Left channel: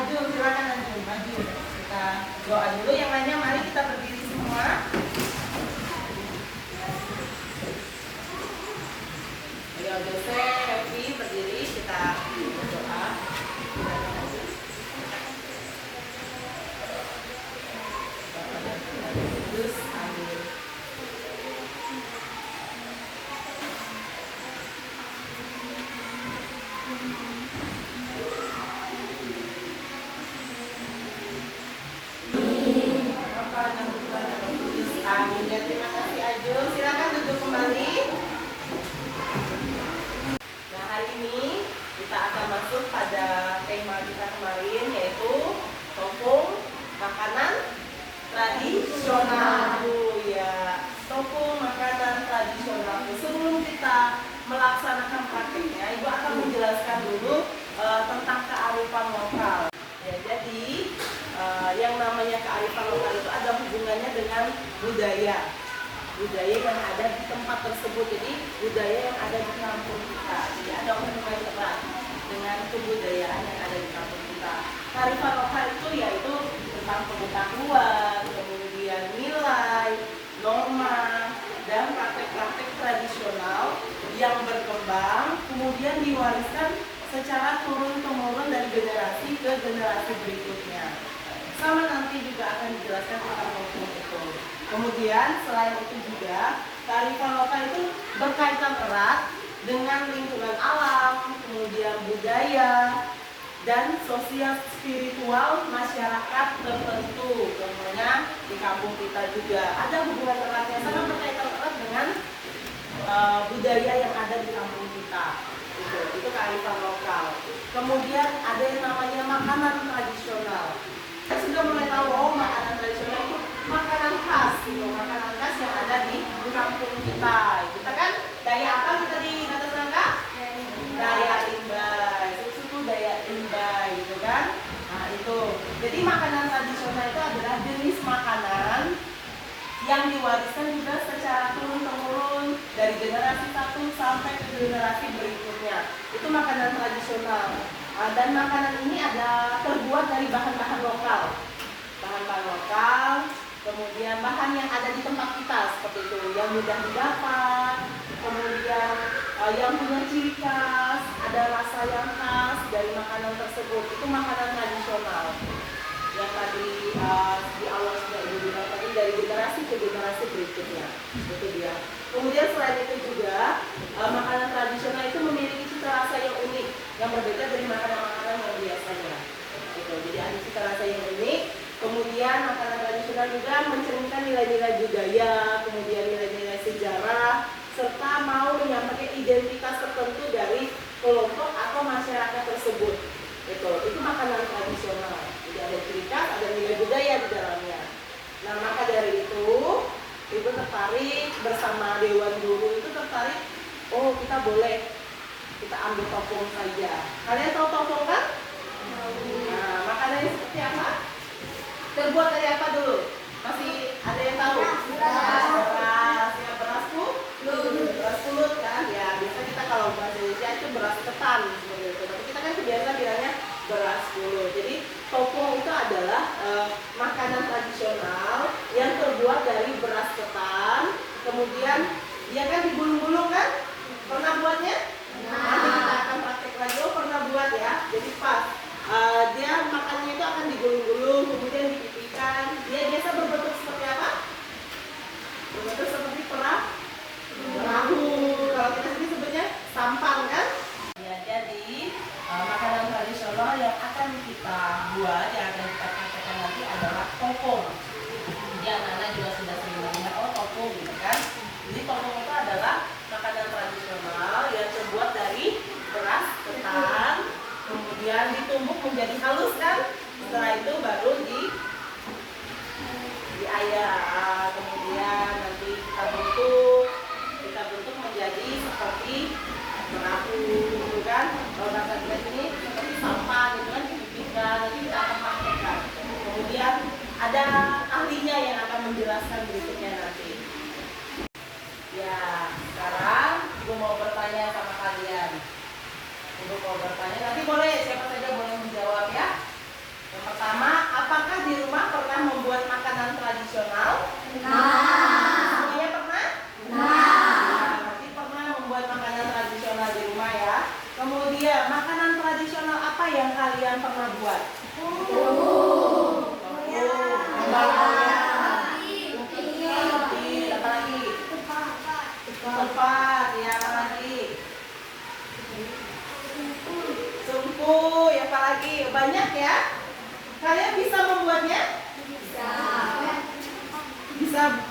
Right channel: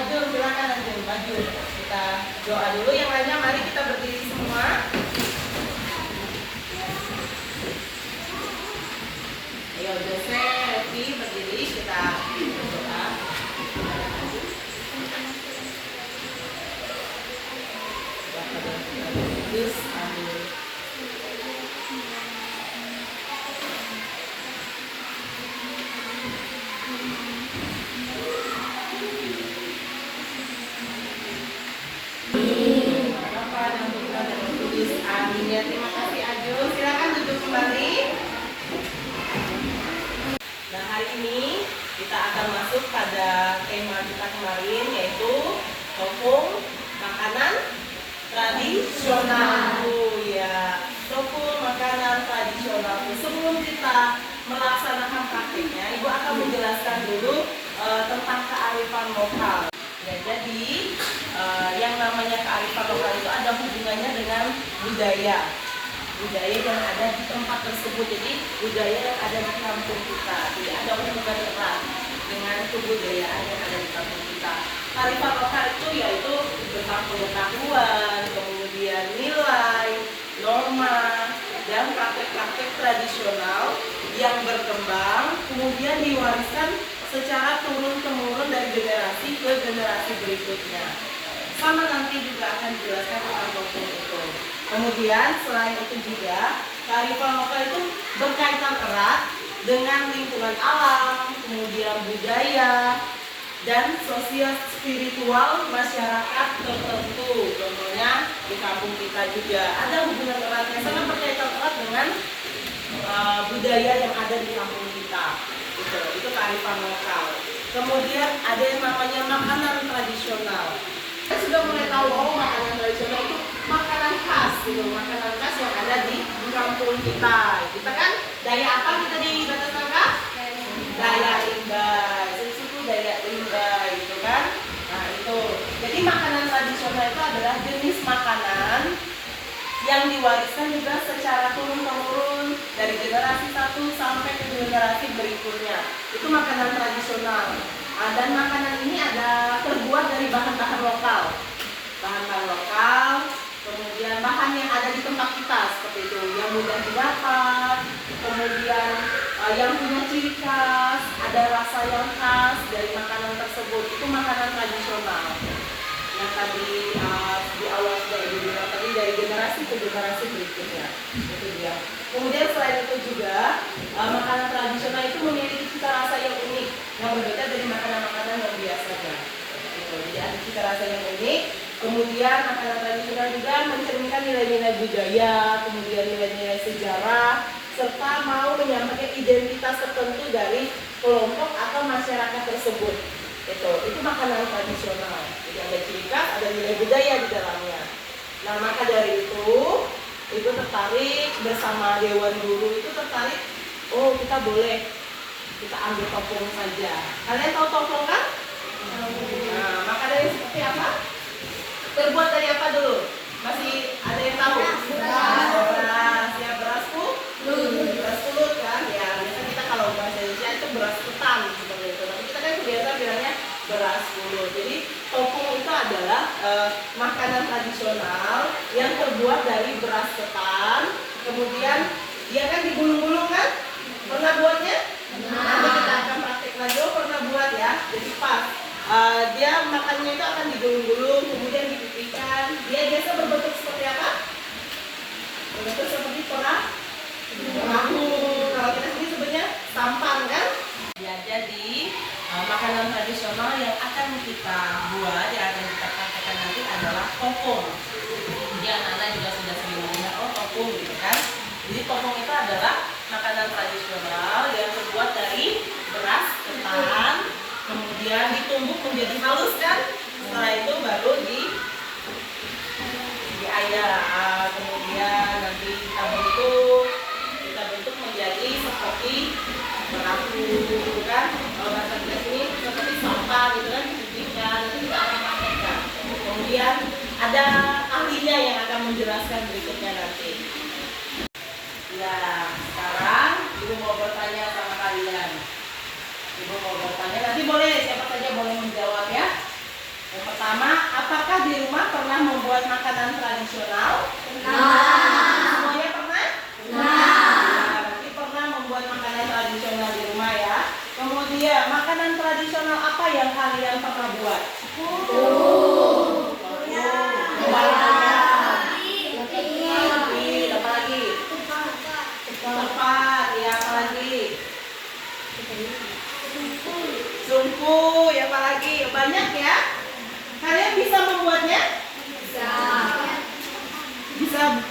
Ajul, silakan Ajul, maju. Kita doa dulu. Yang lainnya mari kita berdiri semua. Ayo Jose, Evi berdiri, kita berdoa. Amin. Amin ya, terima kasih Ajul. Silakan duduk kembali. Nah, hari ini kita akan masuk pada tema kita kemarin, yaitu topung makanan tradisional. Ya, topung makanan tradisional. Sebelum kita melaksanakan praktiknya, Ibu akan menjelaskan dulu tentang kearifan lokal. Ya, jadi yang namanya kearifan lokal itu ada hubungannya dengan budaya yang ada di tempat tersebut. Jadi budaya yang ada di kampung kita, jadi ada hubungan erat dengan kebudayaan yang ada di kampung kita. Kearifan lokal itu yaitu tentang pengetahuan, kemudian nilai, norma, dan praktek-praktek tradisional yang berkembang kemudian diwariskan secara turun-temurun dari generasi ke generasi berikutnya. Sama nanti juga akan dijelaskan tentang topung itu. Kemudian selain itu juga kearifan lokal itu berkaitan erat dengan lingkungan alam, kemudian budaya, dan sosial spiritual masyarakat tertentu. Contohnya di kampung kita juga ada hubungan erat yang sangat berkaitan erat dengan budaya yang ada di kampung kita. Itu kearifan lokal. Kemudian ada yang namanya makanan tradisional. Kita sudah mulai tahu makanan tradisional itu makanan khas, makanan khas yang ada di kampung kita. Kita kan daya apa kita di Batu Tangka? Daya Imbai, suku Daya Imbai, gitu kan? Nah itu. Jadi makanan tradisional itu adalah jenis makanan yang diwariskan juga secara turun-temurun dari generasi satu sampai ke generasi berikutnya. Itu makanan tradisional. Dan makanan ini ada terbuat dari bahan-bahan lokal. Bahan-bahan lokal, kemudian bahan yang ada di tempat kita seperti itu, yang mudah didapat, kemudian yang punya ciri khas, ada rasa yang khas dari makanan tersebut. Itu makanan tradisional. Yang tadi di awal sudah Ibu bilang tadi, dari generasi ke generasi berikutnya. Itu dia. Kemudian selain itu juga makanan tradisional itu memiliki cita rasa yang unik, yang berbeda dari makanan-makanan yang biasanya. Gitu. Jadi ada cita rasa yang unik. Kemudian makanan tradisional juga mencerminkan nilai-nilai budaya, kemudian nilai-nilai sejarah, serta mau menyampaikan identitas tertentu dari kelompok atau masyarakat tersebut. Itu makanan tradisional. Jadi ada ciri khas, ada nilai budaya di dalamnya. Nah, maka dari itu Ibu tertarik bersama Dewan Guru itu tertarik, kita boleh kita ambil topung saja. Kalian tahu topung kan? Nah, makanannya seperti apa? Terbuat dari apa dulu? Masih ada yang tahu? Beras, ya beras pulut kan? Ya, biasa kita kalau bahasa Indonesia itu beras ketan seperti itu. Tapi kita kan biasa bilangnya beras pulut. Jadi topung itu adalah makanan tradisional yang terbuat dari beras ketan. Kemudian dia kan digulung-gulung kan? Pernah buatnya? Nanti kita akan praktek lagi. Pernah buat ya? Jadi pas dia makannya itu akan digulung-gulung, kemudian dipipihkan. Dia biasa berbentuk seperti apa? Berbentuk seperti perahu. Kalau kita sendiri sebutnya sampang kan? Ya, jadi makanan tradisional yang akan kita buat, yang akan kita praktekkan nanti adalah topung. Jadi anak-anak juga sudah sering mendengar topung gitu kan. Jadi topung itu adalah makanan tradisional yang terbuat dari beras ketan, kemudian ditumbuk menjadi halus kan. Setelah itu baru diayak, kemudian nanti kita bentuk menjadi seperti perahu kan. Kalau bahasa Inggris ini seperti sampah gitu kan, dipipihkan. Itu kita akan praktekkan. Kemudian ada ahlinya yang akan menjelaskan berikutnya nanti. Ya, sekarang Ibu mau bertanya sama kalian. Ibu mau bertanya, nanti boleh siapa saja boleh menjawab ya. tradisional? Semuanya pernah? Nah, berarti pernah membuat makanan tradisional di rumah ya. Kemudian makanan tradisional apa yang kalian pernah buat? Apa lagi? Tepat, ya apa lagi? Sungkuy, apa lagi? Banyak ya? Kalian bisa membuatnya?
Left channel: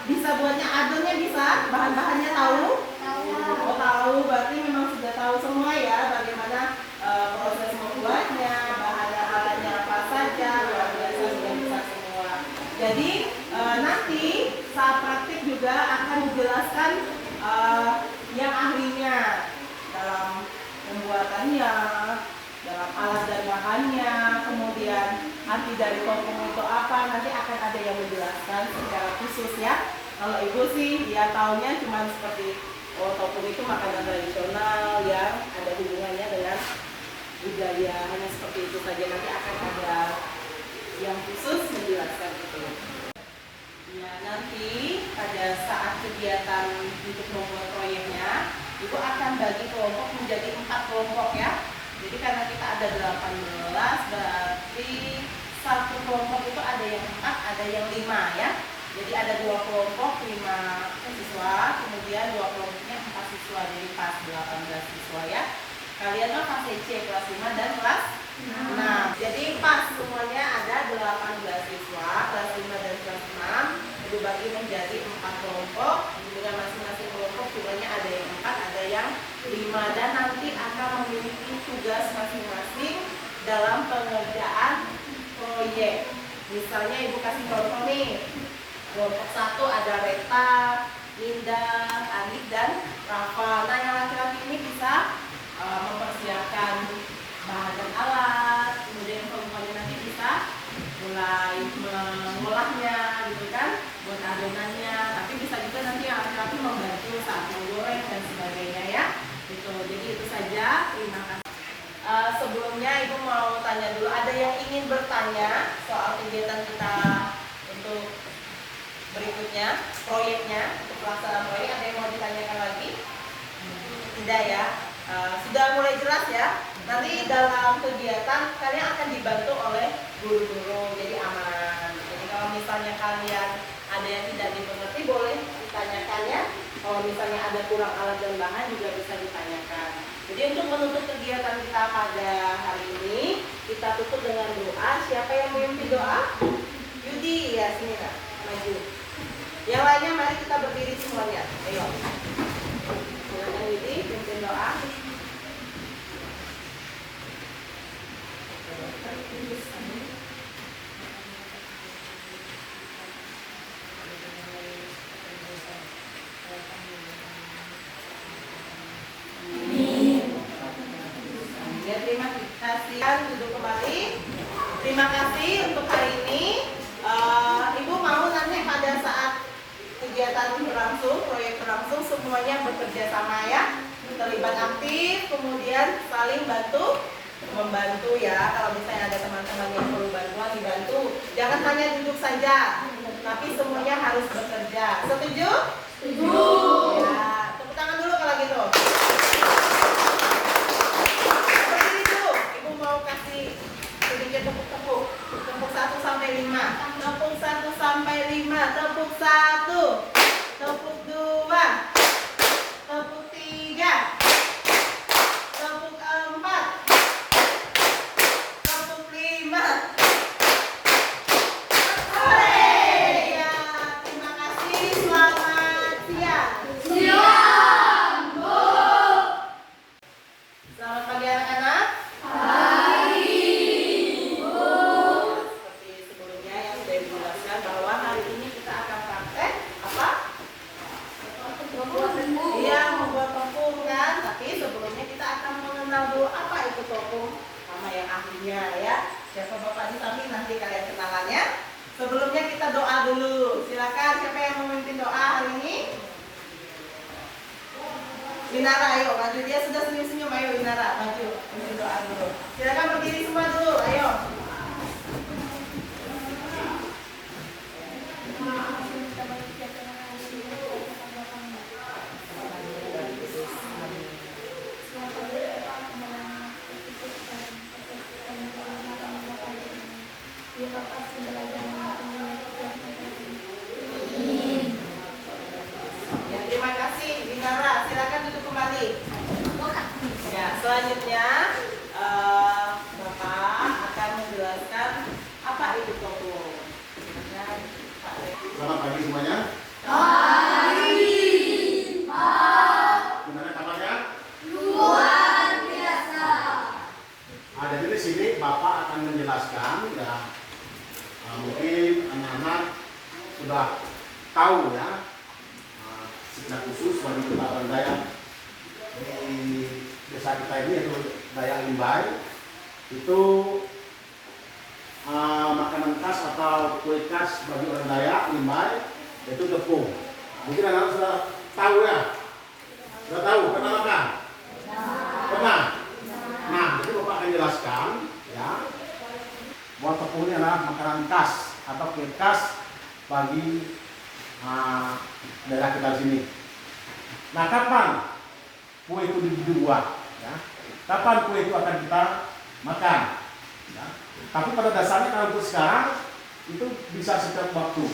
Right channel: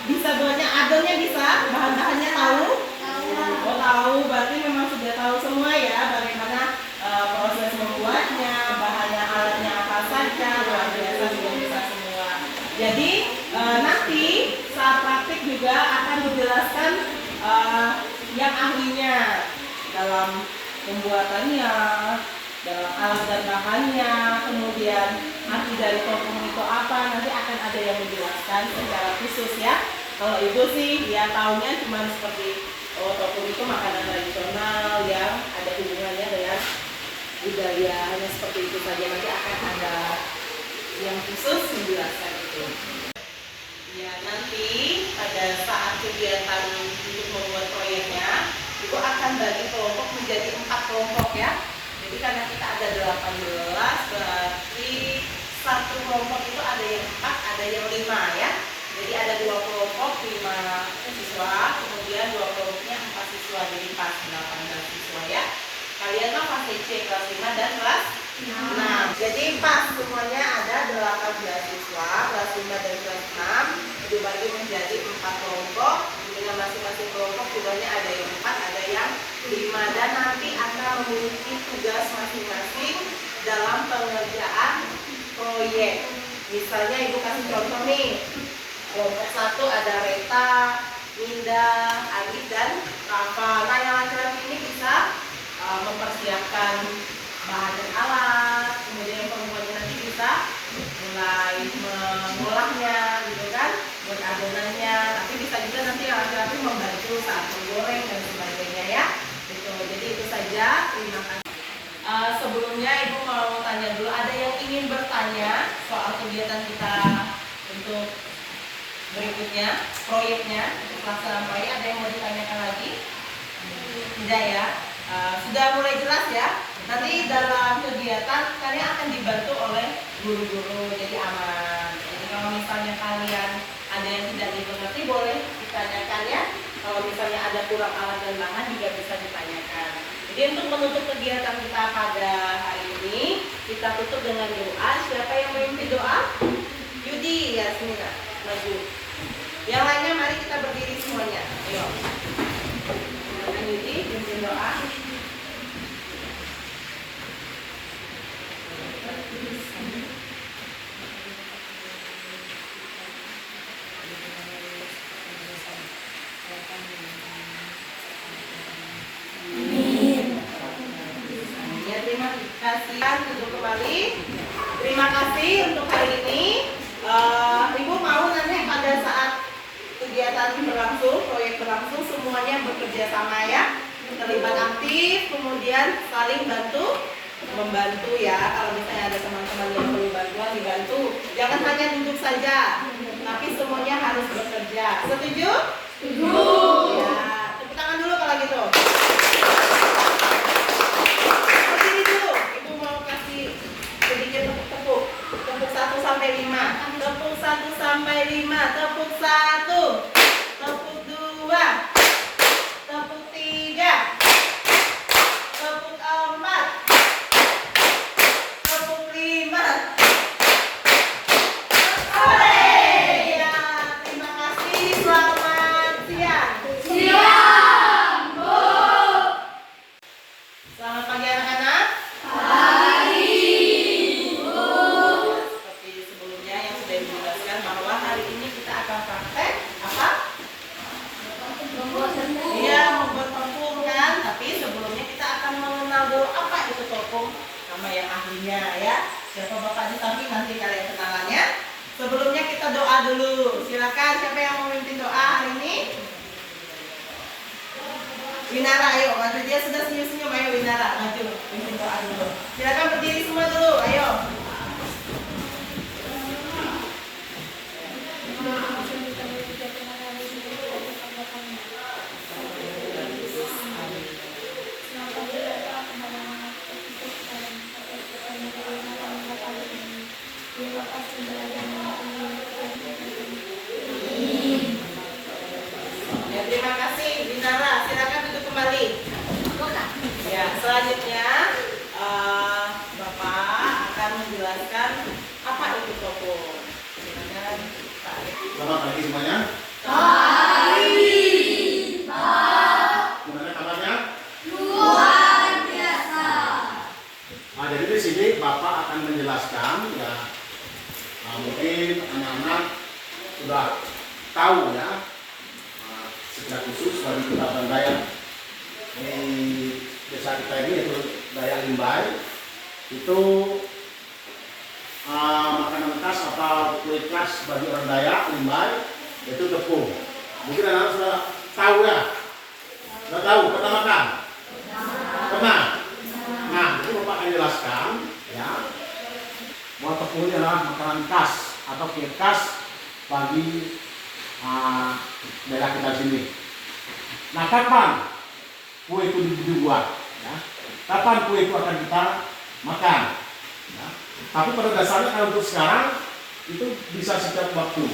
Bisa buatnya, adonnya bisa? Bahan-bahannya tahu? Oh tahu, berarti memang sudah tahu semua ya bagaimana proses membuatnya, bahannya, alatnya apa saja, luar biasa sudah bisa semua. Jadi nanti saat praktik juga akan dijelaskan yang ahlinya dalam pembuatannya, dalam alat dan bahannya, kemudian arti dari topung itu apa, nanti akan ada yang menjelaskan secara khusus ya. Kalau ibu sih ya tahunya cuma seperti topung itu makanan tradisional yang ada hubungannya dengan budaya, hanya seperti itu saja. Nanti akan ada yang khusus menjelaskan itu. Ya, nanti pada saat kegiatan untuk membuat proyeknya, ibu akan bagi kelompok menjadi 4 kelompok ya. Jadi karena kita ada 18, berarti satu kelompok itu ada yang 4, ada yang 5 ya. Jadi ada 2 kelompok 5 siswa, kemudian 2 kelompoknya 4 siswa, jadi pas 18 siswa ya. Kalian mah fase C kelas 5 dan kelas 6. Jadi pas semuanya ada 18 siswa, kelas 5 dan kelas 6 dibagi menjadi 4 kelompok. Dengan masing-masing kelompok jumlahnya ada yang 4, ada yang 5, dan nanti akan memiliki tugas masing-masing dalam pengerjaan proyek. Misalnya ibu kasih contoh nih. Kelompok 1 ada Reta, Minda, Alif, dan Rafa. Nah yang laki-laki ini bisa mempersiapkan bahan dan alat, kemudian perempuannya nanti bisa mulai mengolahnya gitu kan, buat adonannya. Tapi bisa juga nanti yang laki-laki membantu saat menggoreng dan sebagainya ya. Gitu. Jadi itu saja. Terima kasih. Sebelumnya ibu mau tanya dulu, ada yang ingin bertanya soal kegiatan kita untuk berikutnya, proyeknya, untuk pelaksanaan proyek, ada yang mau ditanyakan lagi? Tidak ya? Sudah mulai jelas ya? Nanti dalam kegiatan kalian akan dibantu oleh guru-guru, jadi aman. Jadi kalau misalnya kalian ada yang tidak dimengerti, boleh ditanyakan ya. Kalau misalnya ada kurang alat dan bahan juga bisa ditanyakan. Jadi untuk menutup kegiatan kita pada hari ini, kita tutup dengan doa. Siapa yang memimpin doa? Yudi, ya sini lah, maju. Yang lainnya mari kita berdiri semuanya. Ayo. Silakan Yudi, pimpin doa. Terima kasih, duduk kembali. Terima kasih untuk hari ini. Ibu mau nanti pada saat kegiatan berlangsung, proyek berlangsung, semuanya bekerja sama ya, terlibat aktif, kemudian saling membantu ya. Kalau misalnya ada teman-teman yang perlu bantuan, dibantu. Jangan hanya duduk saja, tapi semuanya harus bekerja. Setuju? Setuju. Ya, tepuk tangan dulu kalau gitu. Sedikit tepuk 1 sampai 5. Tepuk 1 sampai 5. Tepuk 1. Tepuk 2. Tepuk 3. Tepuk 4. Tepuk 5. Hore! Ya, terima kasih. Selamat siang. Siang, Bu. Selamat pagi anak-anak. Sama yang ahlinya ya. Siapa bapak di samping nanti kalian kenalannya. Sebelumnya kita doa dulu. Silakan siapa yang memimpin doa hari ini? Winara, ayo bantu dia, sudah senyum-senyum. Ayo Winara, maju mimpin doa dulu. Silakan berdiri semua dulu. Ayo. Ya, terima kasih Binara. Silakan duduk kembali. Ya, selanjutnya Bapak akan menjelaskan apa itu topung. Dengan Pak Reki. Selamat pagi semuanya. Gimana kabarnya? Luar biasa. Jadi di sini Bapak akan menjelaskan ya, mungkin anak-anak sudah tahu ya, secara khusus bagi kita orang Dayak di desa kita ini yaitu Dayak Limbai itu makanan khas atau kue khas bagi orang Dayak Limbai yaitu tepung. Mungkin anak-anak sudah tahu ya. Sudah tahu, pernah makan? Pernah? Nah, jadi Bapak akan jelaskan ya, bahwa tepung ini adalah makanan khas atau kue khas bagi daerah kita sini. Nah, kapan kue itu dibuat? Ya? Kapan kue itu akan kita makan? Ya? Tapi pada dasarnya kalau untuk sekarang itu bisa setiap waktu.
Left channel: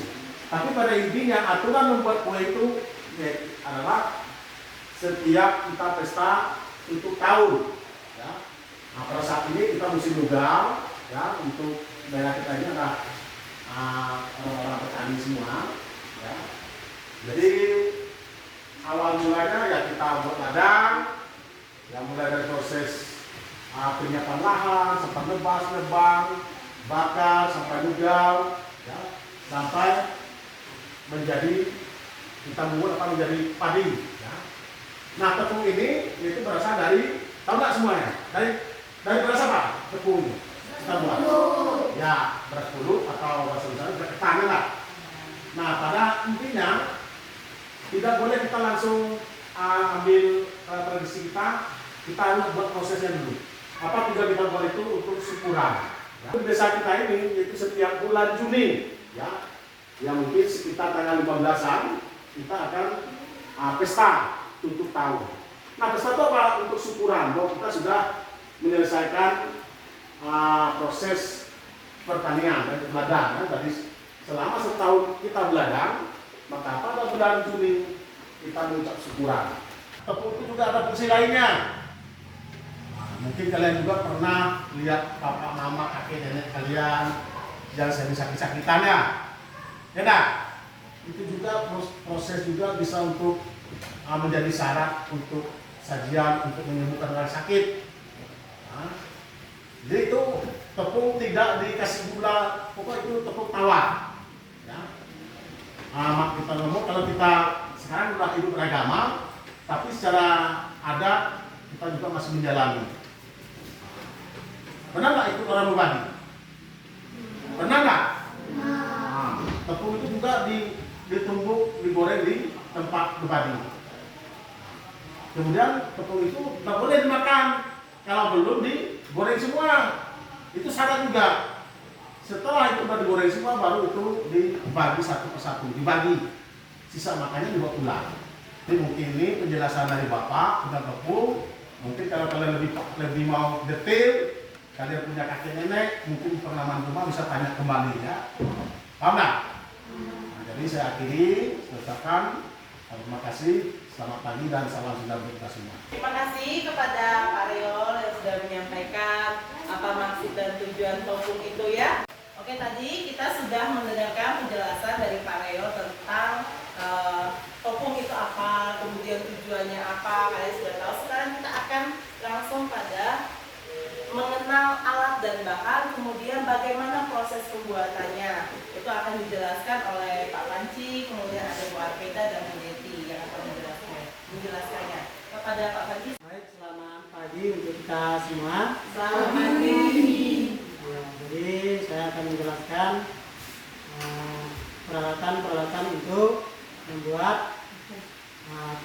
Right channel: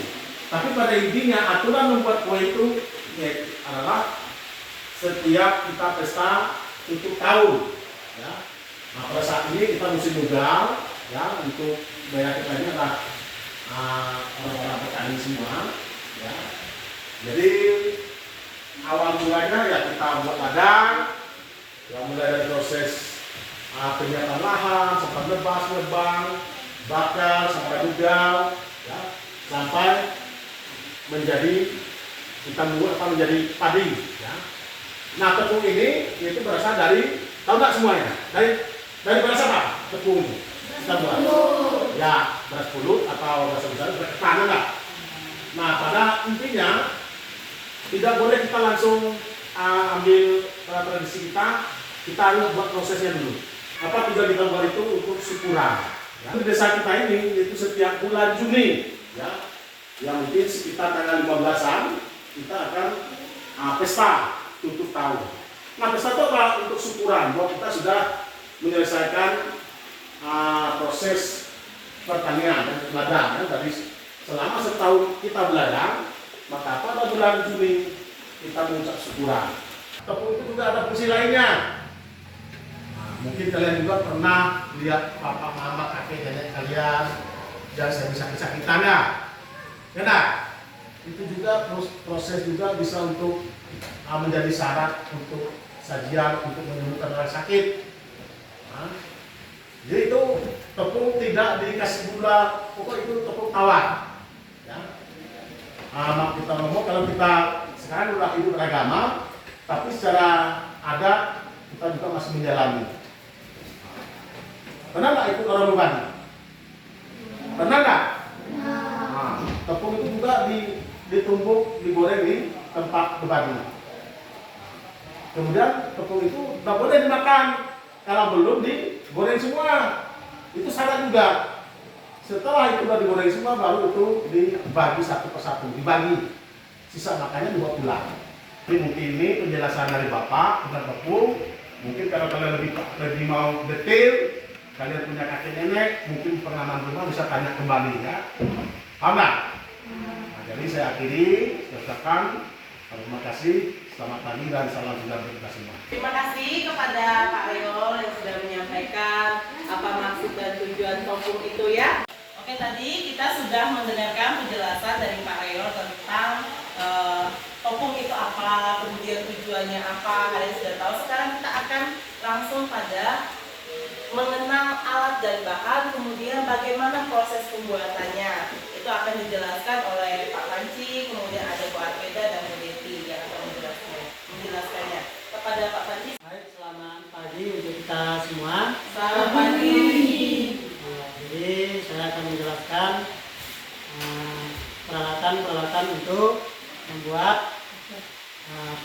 Tapi pada intinya aturan membuat kue itu adalah setiap kita pesta itu tahun. Ya. Nah, pada saat ini kita musim ugal, ya, untuk daerah kita ini adalah orang-orang petani semua. Ya. Jadi awal mulanya ya kita buat ladang, ya mulai dari proses penyiapan lahan, sampai nebang, bakar, sampai ugal, ya, sampai menjadi kita membuat apa menjadi padi. Ya. Nah, tepung ini itu berasal dari, tahu nggak semuanya? Dari beras apa? Tepung kita buat. Ya, beras pulut atau beras besar, beras ketan enggak? Nah, pada intinya tidak boleh kita langsung ambil tradisi kita harus buat prosesnya dulu. Apa tujuan kita buat itu untuk syukuran. Ya. Di desa kita ini itu setiap bulan Juni, ya, yang mungkin sekitar tanggal 15-an kita akan pesta tutup tahun. Nah, pesta itu apa? Untuk syukuran bahwa kita sudah menyelesaikan proses pertanian dan ladang. Ya. Tadi selama setahun kita berladang, maka pada bulan Juni kita mengucap syukuran. Tepung itu juga ada fungsi lainnya. Nah, mungkin kalian juga pernah lihat papa, mama, kakek, nenek kalian yang sakit-sakitan ya. Ya enggak? Itu juga proses juga bisa untuk menjadi syarat untuk sajian untuk menyembuhkan orang sakit. Nah, jadi itu tepung tidak dikasih gula, pokok itu tepung tawar. Ya. Kita ngomong kalau kita sekarang udah hidup beragama, tapi secara adat kita juga masih menjalani. Pernah nggak ikut orang berbagi? Pernah nggak? Nah, tepung itu juga ditumbuk, digoreng di tempat berbagi. Kemudian tepung itu nggak boleh dimakan kalau belum digoreng semua. Itu syarat juga. Setelah itu udah digoreng semua, baru itu dibagi satu persatu, dibagi. Sisa makannya juga pulang. Jadi mungkin ini penjelasan dari Bapak tentang tepung. Mungkin kalau kalian lebih mau detail, kalian punya kakek nenek, mungkin pengalaman rumah bisa tanya kembali ya. Paham nggak? Nah, jadi saya akhiri, saya ucapkan terima kasih, selamat pagi dan salam sejahtera untuk kita semua. Terima kasih kepada Pak Reol yang sudah menyampaikan apa maksud dan tujuan topung itu ya. Oke, tadi kita sudah mendengarkan penjelasan dari Pak Reol tentang topung itu apa, kemudian tujuannya apa, kalian sudah tahu. Sekarang kita akan langsung pada mengenal alat dan bahan, kemudian bagaimana proses pembuatannya. Itu akan dijelaskan oleh Pak Panci, kemudian ada Bu Arbeda dan Bu Deti yang akan menjelaskannya. Kepada Pak Panci. Baik, selamat pagi untuk kita semua. Selamat pagi. Nah, jadi saya akan menjelaskan peralatan-peralatan untuk membuat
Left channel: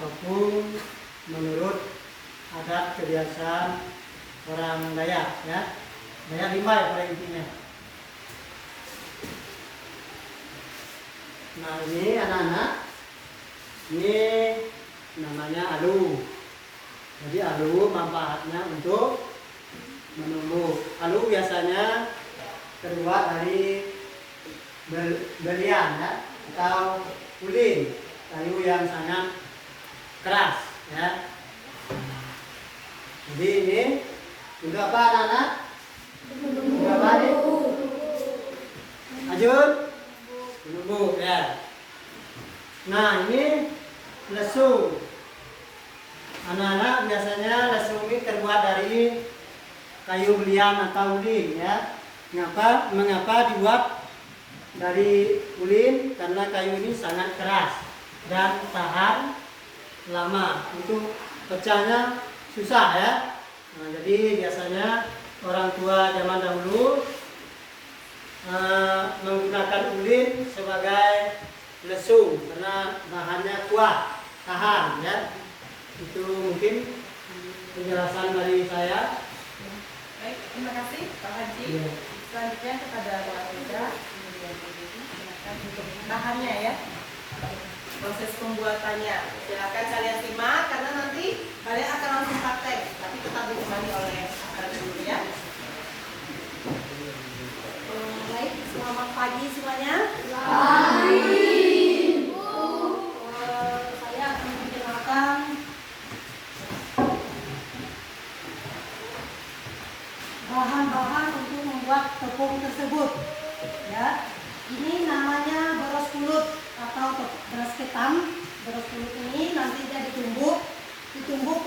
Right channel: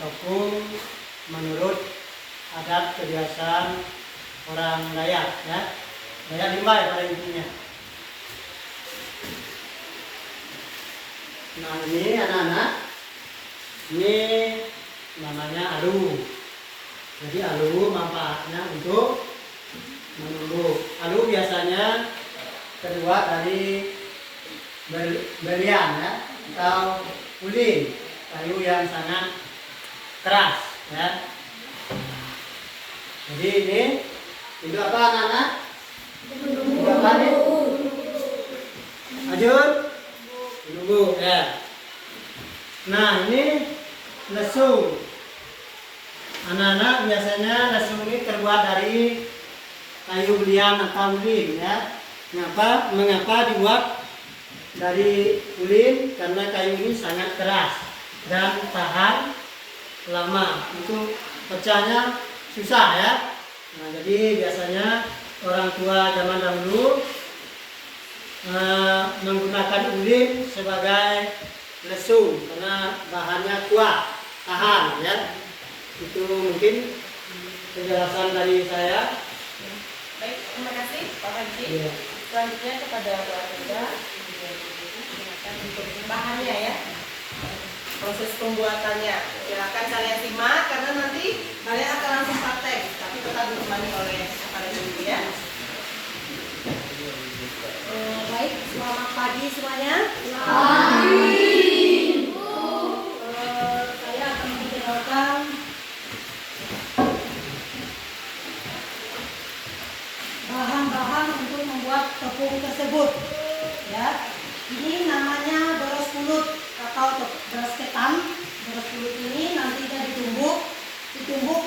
topung menurut adat kebiasaan orang Dayak ya. Dayak Limbai pada intinya. Nah, ini anak-anak, ini namanya alu. Jadi alu manfaatnya untuk menumbuk. Alu biasanya terbuat dari belian ya, atau ulin, kayu yang sangat keras ya. Jadi ini apa anak-anak? Ini apa nih? Ajun? Bumbu ya. Nah ini lesung. Anak-anak biasanya lesung ini terbuat dari kayu belian atau ulin ya. Mengapa dibuat dari ulin? Karena kayu ini sangat keras dan tahan lama. Untuk pecahnya susah ya. Nah, jadi biasanya orang tua zaman dahulu menggunakan ulin sebagai lesung karena bahannya kuat, tahan ya. Itu mungkin penjelasan dari saya. Baik, terima kasih Pak Haji. Iya. Selanjutnya kepada Pak Hendra. Bahannya ya, proses pembuatannya. Silakan kalian simak karena nanti kalian akan langsung praktek, tapi tetap ditemani oleh aparat dulu ya. Baik, selamat pagi semuanya. Saya akan menjelaskan bahan-bahan untuk membuat tepung tersebut. Ya, ini namanya beras pulut atau beras ketan. Beras pulut ini nantinya ditumbuk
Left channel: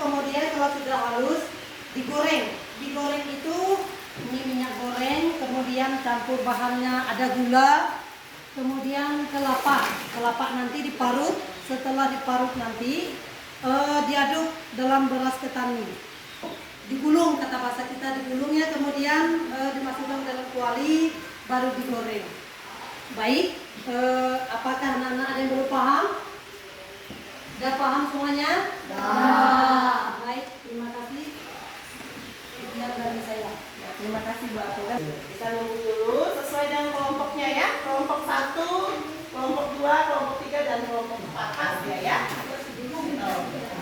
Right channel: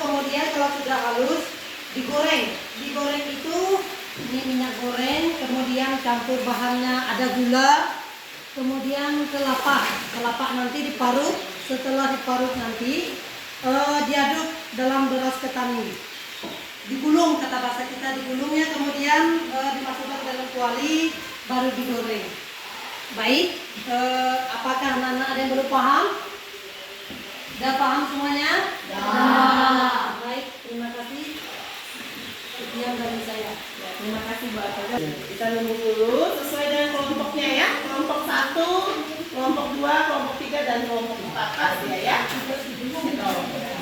kemudian kalau sudah halus digoreng. Digoreng itu ini minyak goreng, kemudian campur bahannya ada gula, kemudian kelapa nanti diparut. Setelah diparut nanti diaduk dalam beras ketan ini, digulung, kata bahasa kita digulungnya, kemudian dimasukkan dalam kuali baru digoreng. Baik, apakah anak-anak ada yang belum paham? Sudah paham semuanya? Baik, terima kasih. Sekian dari saya. Ya, terima kasih Mbak Hendra. Kita nunggu dulu sesuai dengan kelompoknya ya. Kelompok 1, kelompok 2, kelompok 3 dan kelompok 4 pasti ya.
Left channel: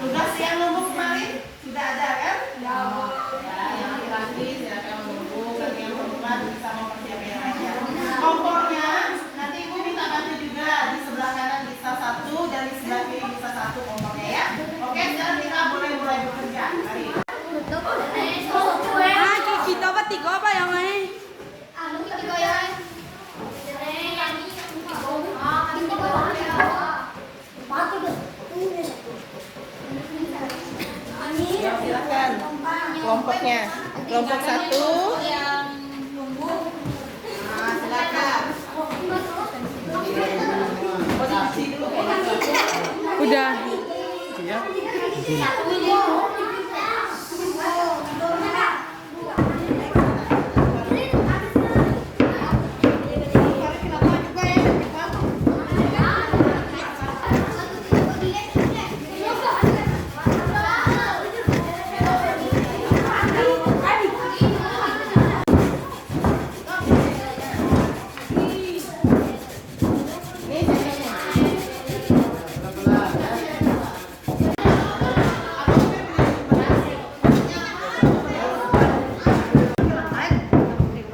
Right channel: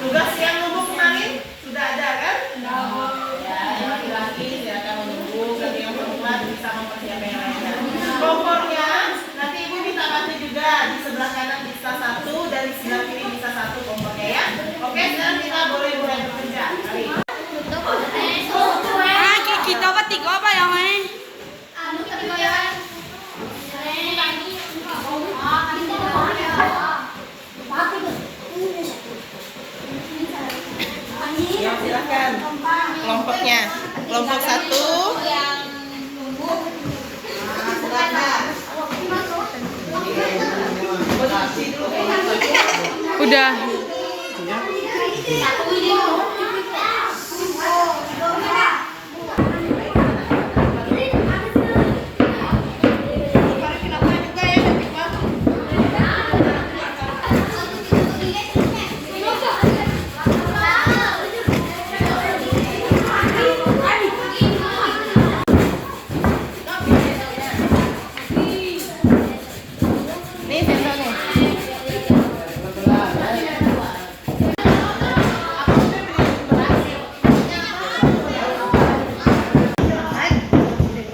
Tugas yang nunggu kemarin sudah ada kan? Ya, yang laki-laki silakan menunggu, bagi yang perempuan bisa mempersiapkan yang lainnya. Kompornya nanti ibu minta bantu juga, di sebelah kanan bisa 1 dan di sebelah kiri bisa 1 kompornya ya. Oke, sekarang kita boleh mulai bekerja. Mari. Kita bertiga apa yang main? Ya, silakan. Kelompoknya. Kelompok 1. Silakan. Udah.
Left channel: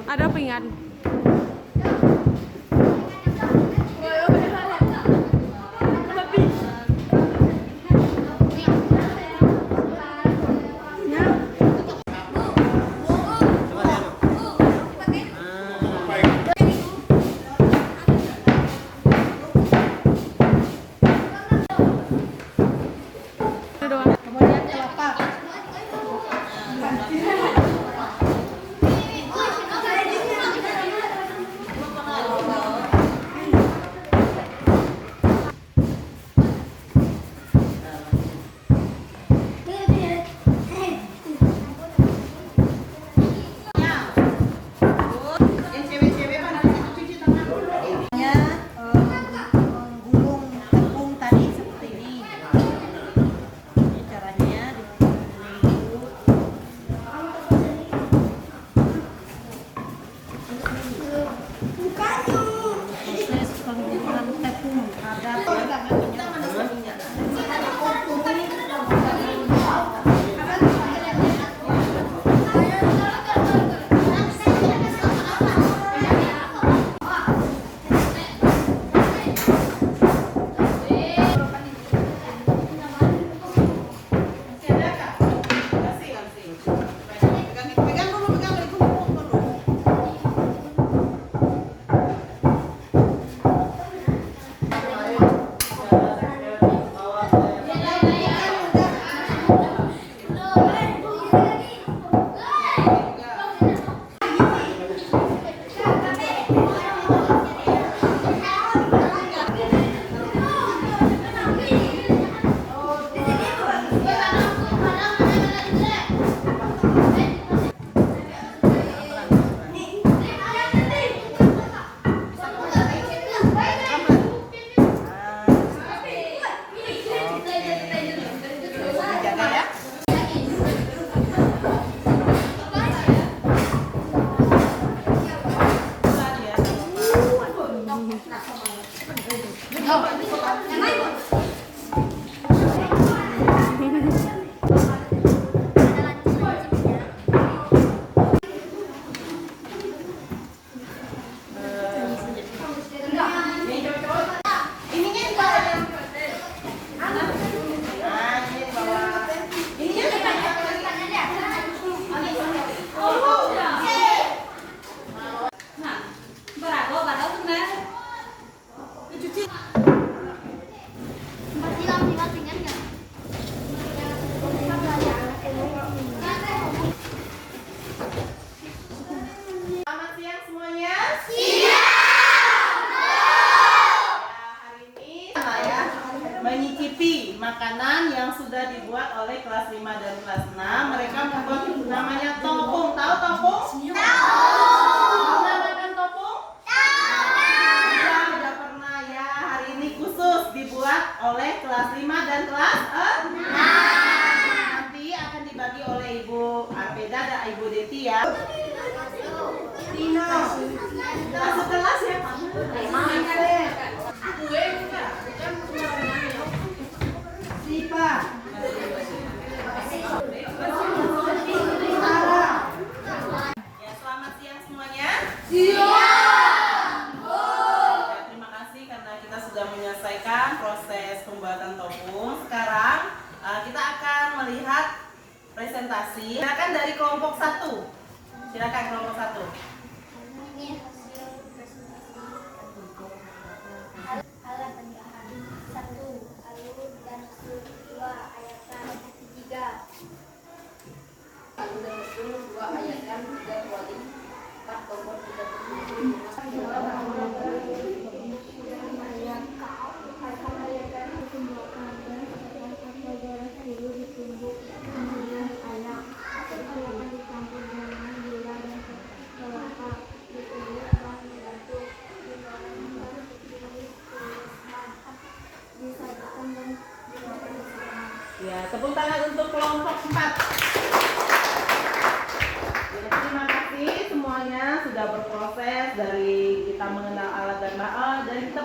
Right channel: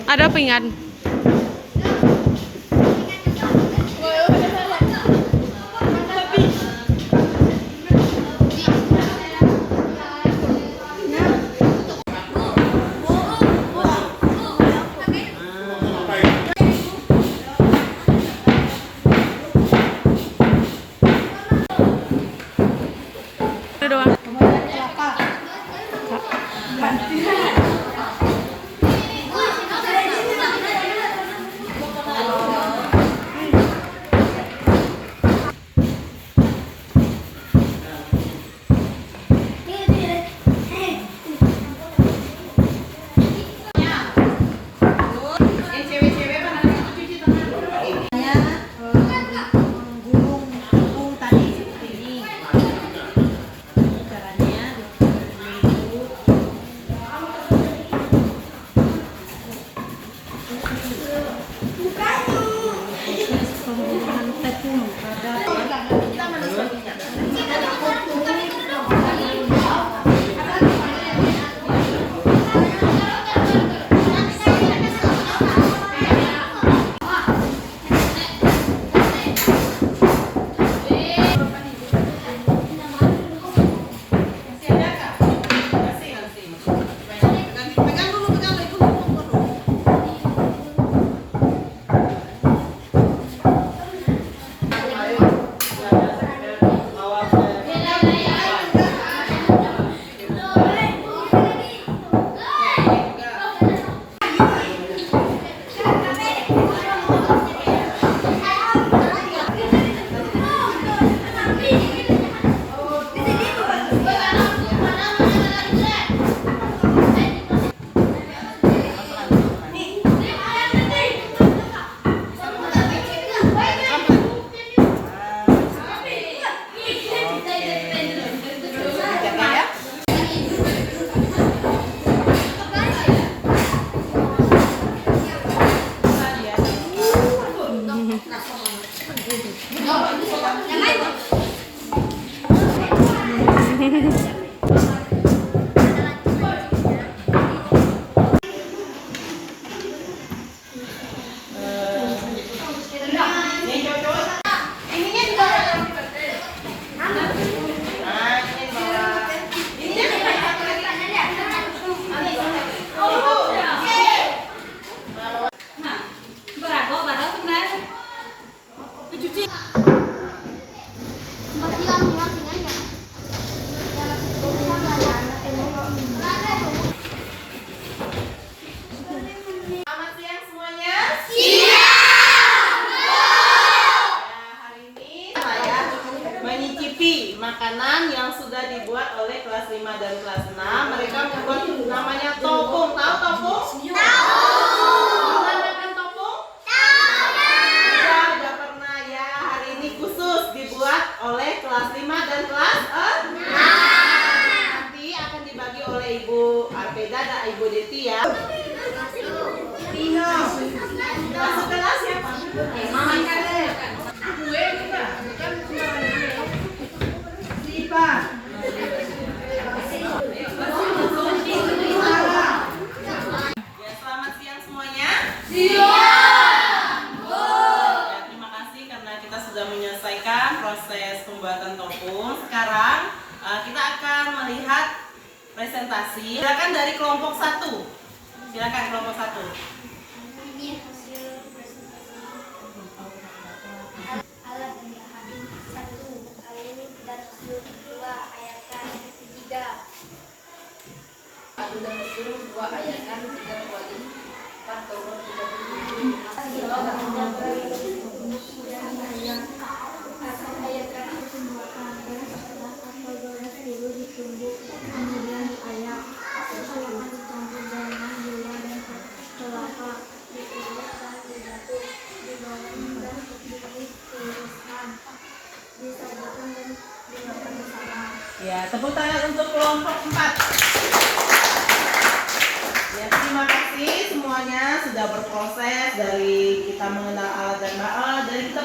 Ada pinggan. Itu doang. Kemudian kelapa. Yang cewek-cewek kan harus cuci tangan dulu. Saya menggulung tepung tadi seperti ini. Ini caranya dulu. Proses penggulungan tepung terhadap Selamat siang semuanya. Siang. Hari ini saya menyicipi makanan yang sudah dibuat oleh kelas 5 dan kelas 6. Mereka membuat namanya topung. Tahu topung? Tahu. Pernah makan topung? Tahu. Sudah pernah ya. Hari ini khusus dibuat oleh kelas 5 dan kelas 6. Nanti akan dibagi oleh Ibu Arpeda dan Ibu Deti ya. Tino. Masuk kelas siapa? Mama Caleb. Gue juga. Bukan Sipa. Ya, selamat siang semuanya. Siang. Ya, terima kasih karena kita sudah menyelesaikan proses pembuatan topung. Sekarang kita akan melihat presentasi. Silakan dari kelompok 1. Silakan kelompok 1. Ini hasil presentasi alat dan bahan. 1. Alu dan usul. 2. Ayatan. 3. Alu dan usul, 2 ayatan, 3 kuali, 4 tombol, 3 Ayatan pembuatan dan setelah atau goles dulu ditumbuk, kemudian diayak. Silakan dicampur dengan gula dan kelapa, ditiriskan, dibatuk, digoreng dan ditiriskan, disajikan dan dimakan bersama. Ya, tepuk tangan untuk kelompok 4. Ya, terima kasih semuanya sudah berproses dari kita mengenal alat dan bahan, dari kita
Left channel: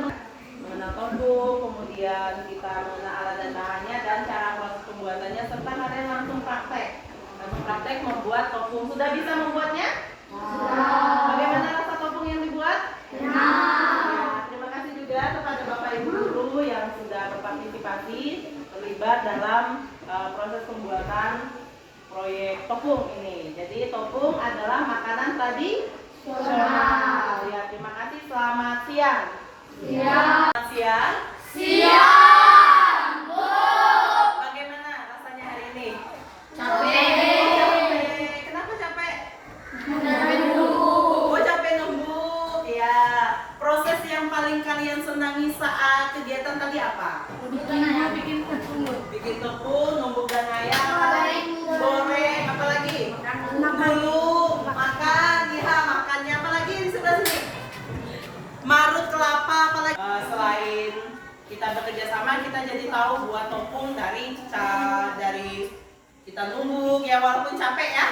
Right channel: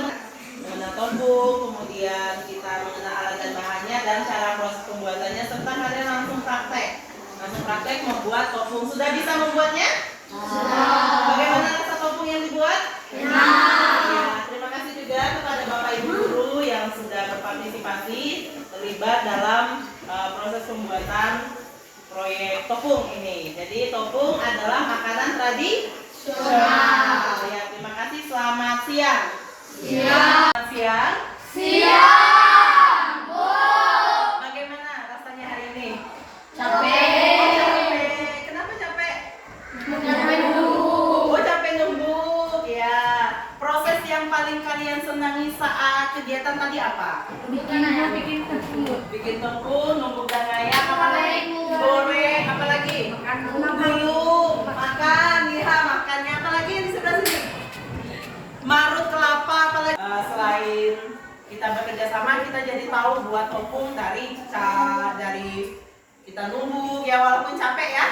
mengenal topung, kemudian kita mengenal alat dan bahannya dan cara proses pembuatannya, serta kalian langsung praktek. Langsung praktek membuat topung. Sudah bisa membuatnya? Sudah. Bagaimana rasa topung yang dibuat? Ya, terima kasih juga kepada Bapak Ibu guru yang sudah berpartisipasi terlibat dalam proses pembuatan proyek topung ini. Jadi topung adalah makanan tradisional. Ya, terima kasih. Selamat siang. Selamat siang. Bagaimana rasanya hari ini? Capek. Kenapa capek? Oh, capek numbuk. Ya. Proses yang paling kalian senangi saat kegiatan tadi apa? Bikin tepung, numbuk dan ngayak, goreng, apalagi? Dulu, makan, ya makannya apalagi di sebelah sini? Marut kelapa, apalagi? Selain kita bekerja sama, kita jadi tahu buat topung dari kita numbuk, ya walaupun capek ya.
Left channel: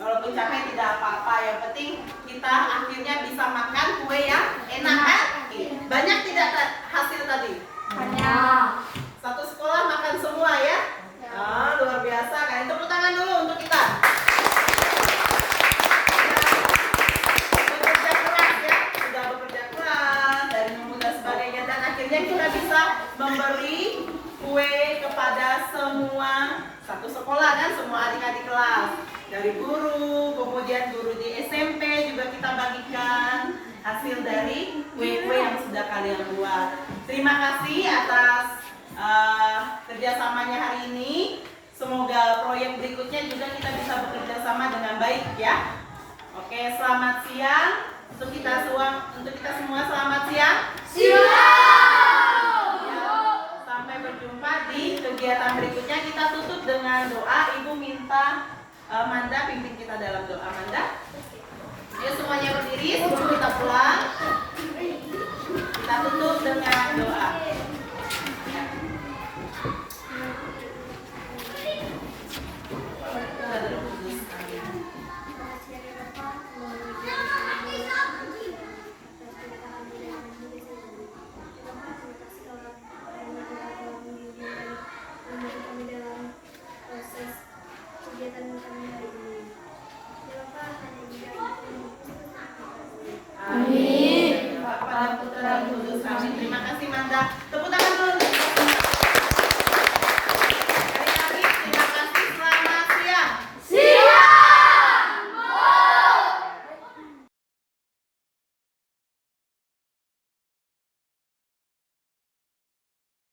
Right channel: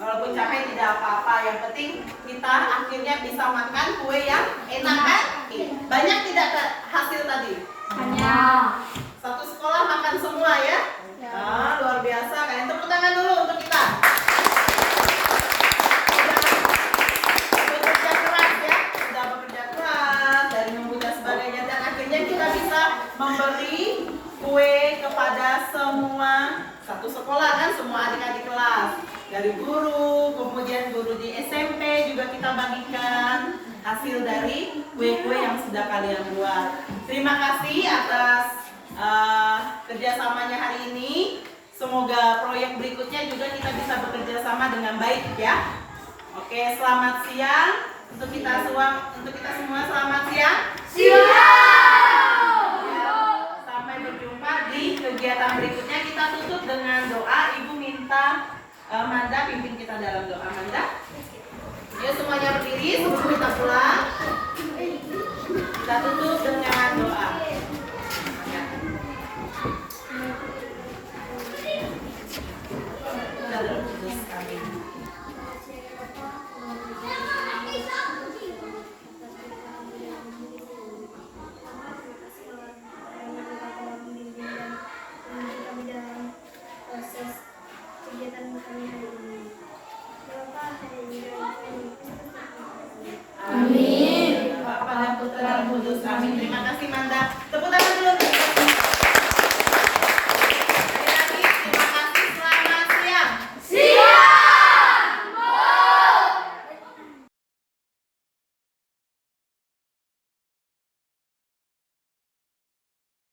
Walaupun capek tidak apa-apa, yang penting kita akhirnya bisa makan kue yang enak kan? Banyak tidak hasil tadi? Banyak. Satu sekolah makan semua ya? Ah, luar biasa kan? Tepuk tangan dulu untuk kita. Bekerja keras ya, sudah bekerja keras dari numbuk dan sebagainya, dan akhirnya kita bisa memberi kue kepada semua satu sekolah kan, semua adik-adik kelas. Dari guru, kemudian guru di SMP juga kita bagikan hasil dari kue-kue yang sudah kalian buat. Terima kasih atas kerjasamanya hari ini. Semoga proyek berikutnya juga kita bisa bekerja sama dengan baik ya. Oke, selamat siang untuk kita semua. Selamat siang. Ya, sampai berjumpa di kegiatan berikutnya. Kita tutup dengan doa. Ibu minta Manda pimpin kita dalam doa. Manda, yuk semuanya berdiri sebelum kita pulang. Kita tutup dengan doa. Ya. Roh Kudus. Amin. Terima kasih Manda. Tepuk tangan.